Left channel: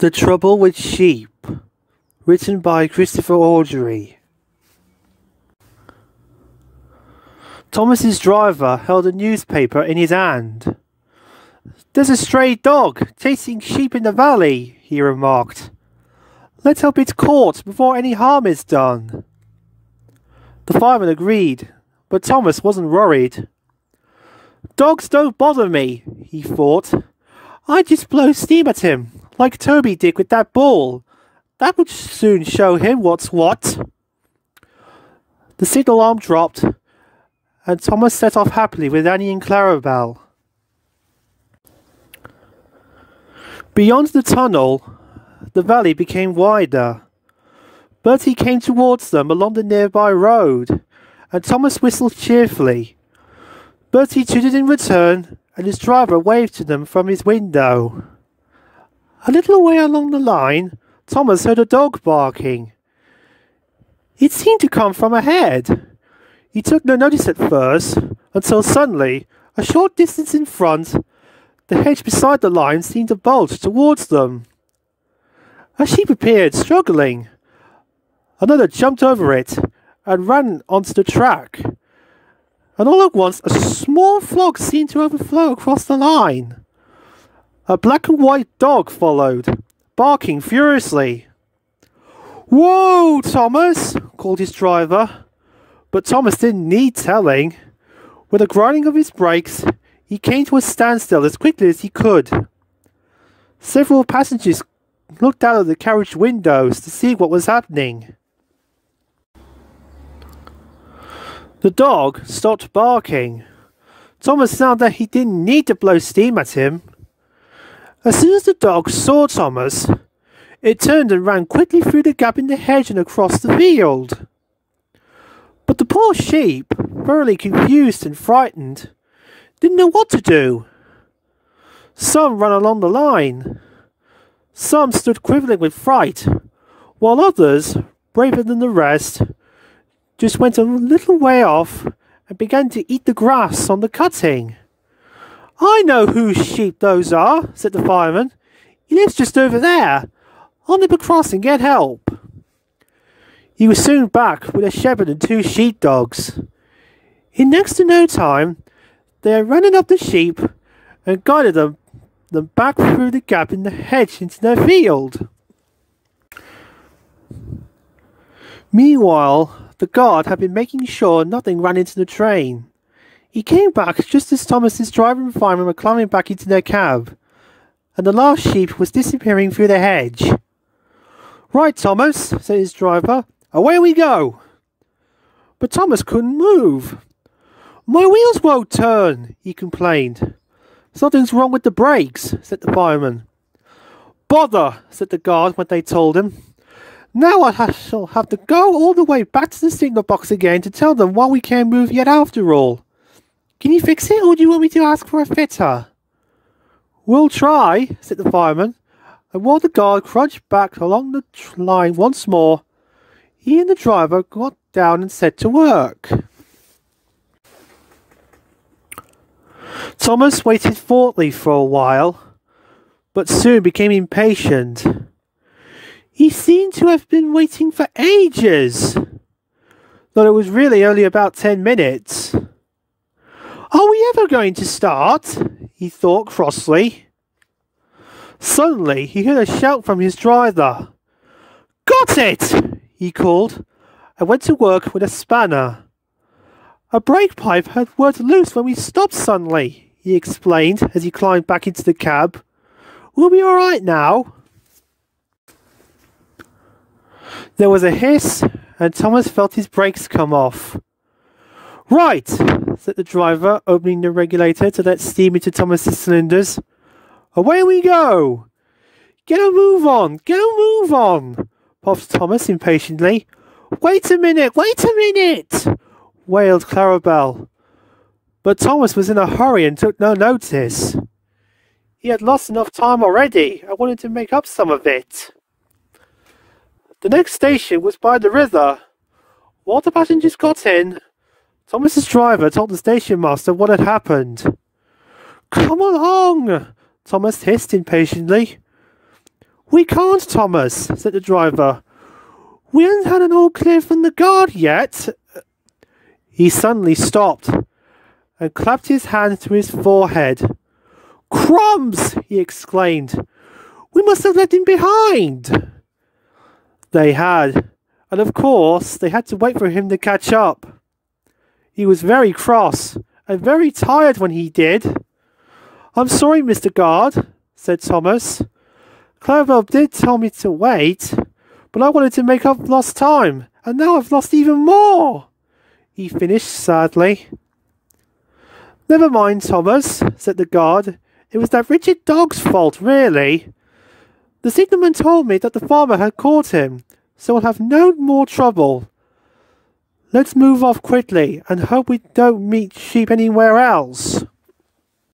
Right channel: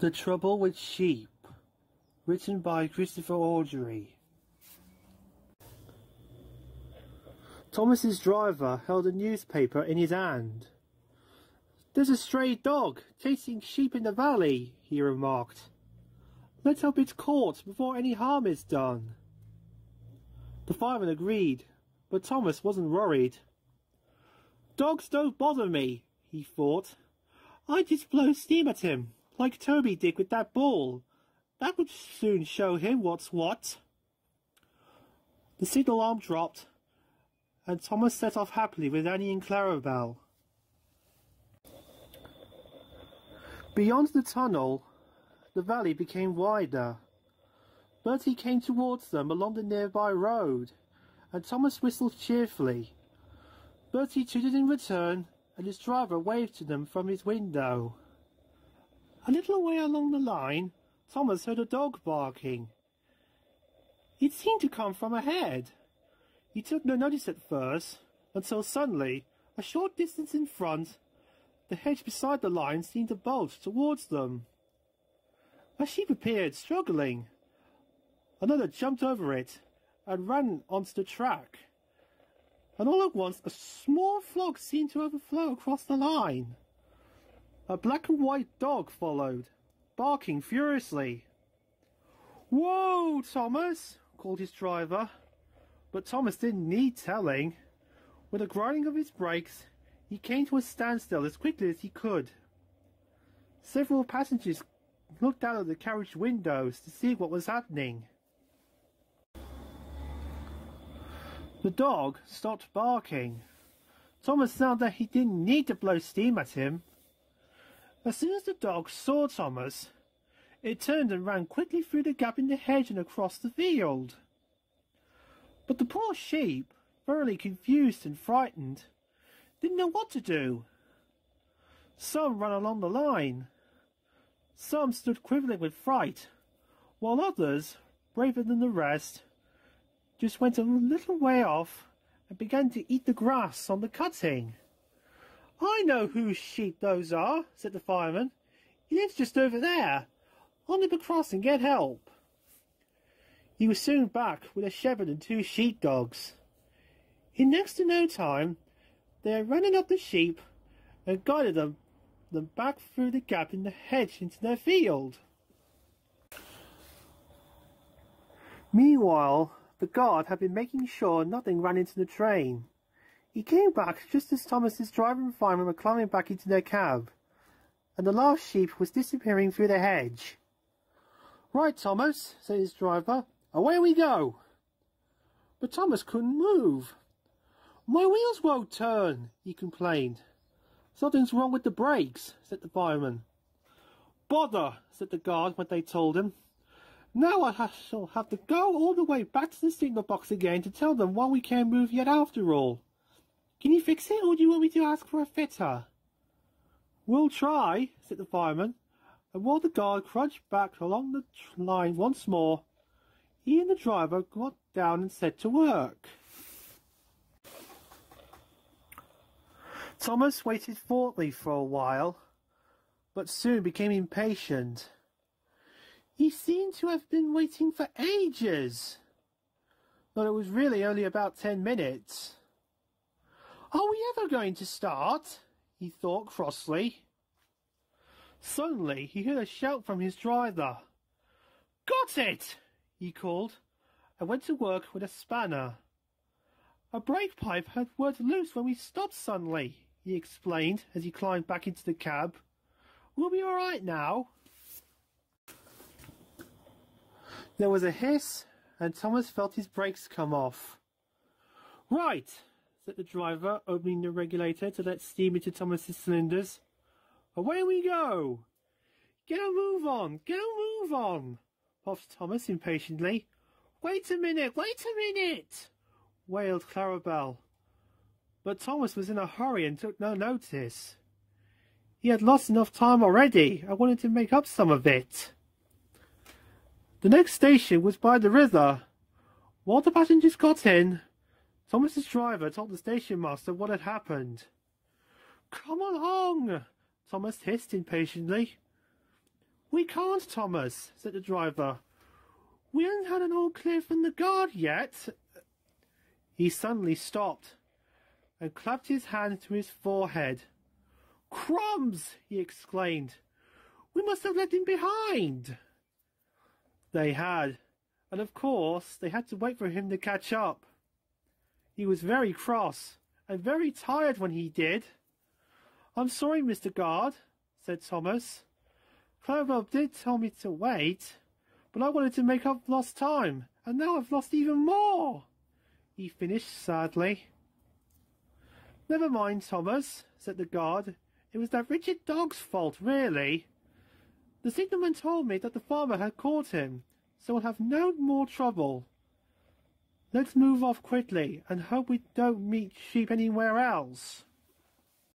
The Trouble with Sheep, written by Christopher Audrey. Thomas's driver held a newspaper in his hand. "There's a stray dog chasing sheep in the valley," he remarked. "Let's hope it's caught before any harm is done." The fireman agreed, but Thomas wasn't worried. "Dogs don't bother me," he thought. "I just blow steam at him, like Toby did with that ball. That would soon show him what's what." The signal alarm dropped, and Thomas set off happily with Annie and Clarabelle. Beyond the tunnel, the valley became wider. Bertie came towards them along the nearby road, and Thomas whistled cheerfully. Bertie tooted in return, and his driver waved to them from his window. A little way along the line, Thomas heard a dog barking. It seemed to come from ahead. He took no notice at first, until suddenly, a short distance in front, the hedge beside the line seemed to bulge towards them. A sheep appeared, struggling. Another jumped over it and ran onto the track. And all at once, a small flock seemed to overflow across the line. A black and white dog followed, barking furiously. "Whoa, Thomas!" called his driver. But Thomas didn't need telling. With a grinding of his brakes, he came to a standstill as quickly as he could. Several passengers looked out of the carriage windows to see what was happening. The dog stopped barking. Thomas found that he didn't need to blow steam at him. As soon as the dog saw Thomas, it turned and ran quickly through the gap in the hedge and across the field. But the poor sheep, thoroughly confused and frightened, didn't know what to do. Some ran along the line. Some stood quivering with fright, while others, braver than the rest, just went a little way off and began to eat the grass on the cutting. "I know whose sheep those are," said the fireman. "He lives just over there. I'll nip across and get help." He was soon back with a shepherd and two sheepdogs. In next to no time, they had running up the sheep and guided them back through the gap in the hedge into their field. Meanwhile, the guard had been making sure nothing ran into the train. He came back just as Thomas's driver and fireman were climbing back into their cab, and the last sheep was disappearing through the hedge. "Right, Thomas," said his driver. "Away we go." But Thomas couldn't move. "My wheels won't turn," he complained. "Something's wrong with the brakes," said the fireman. "Bother," said the guard when they told him. "Now I shall have to go all the way back to the signal box again to tell them why we can't move yet after all. Can you fix it, or do you want me to ask for a fitter?" "We'll try," said the fireman, and while the guard crunched back along the line once more, he and the driver got down and set to work. Thomas waited thoughtfully for a while, but soon became impatient. He seemed to have been waiting for ages, though it was really only about 10 minutes. "Are we ever going to start?" he thought crossly. Suddenly he heard a shout from his driver. "Got it!" he called, and went to work with a spanner. "A brake pipe had worked loose when we stopped suddenly," he explained as he climbed back into the cab. "We'll be all right now." There was a hiss, and Thomas felt his brakes come off. "Right," said the driver, opening the regulator to let steam into Thomas's cylinders. "Away we go." Get a move on, puffed Thomas impatiently. Wait a minute, wailed Clarabelle. But Thomas was in a hurry and took no notice. He had lost enough time already and wanted to make up some of it. The next station was by the river. While the passengers got in, Thomas's driver told the station master what had happened. "Come along," Thomas hissed impatiently. We can't, Thomas, said the driver. We haven't had an all clear from the guard yet. He suddenly stopped and clapped his hand to his forehead. Crumbs! He exclaimed. We must have left him behind. They had, and of course they had to wait for him to catch up. He was very cross and very tired when he did. I'm sorry, Mr. Guard, said Thomas. Clarabelle did tell me to wait, but I wanted to make up lost time, and now I've lost even more, he finished sadly. Never mind, Thomas, said the guard. It was that wretched dog's fault, really. The signalman told me that the farmer had caught him, so we'll have no more trouble. Let's move off quickly and hope we don't meet sheep anywhere else.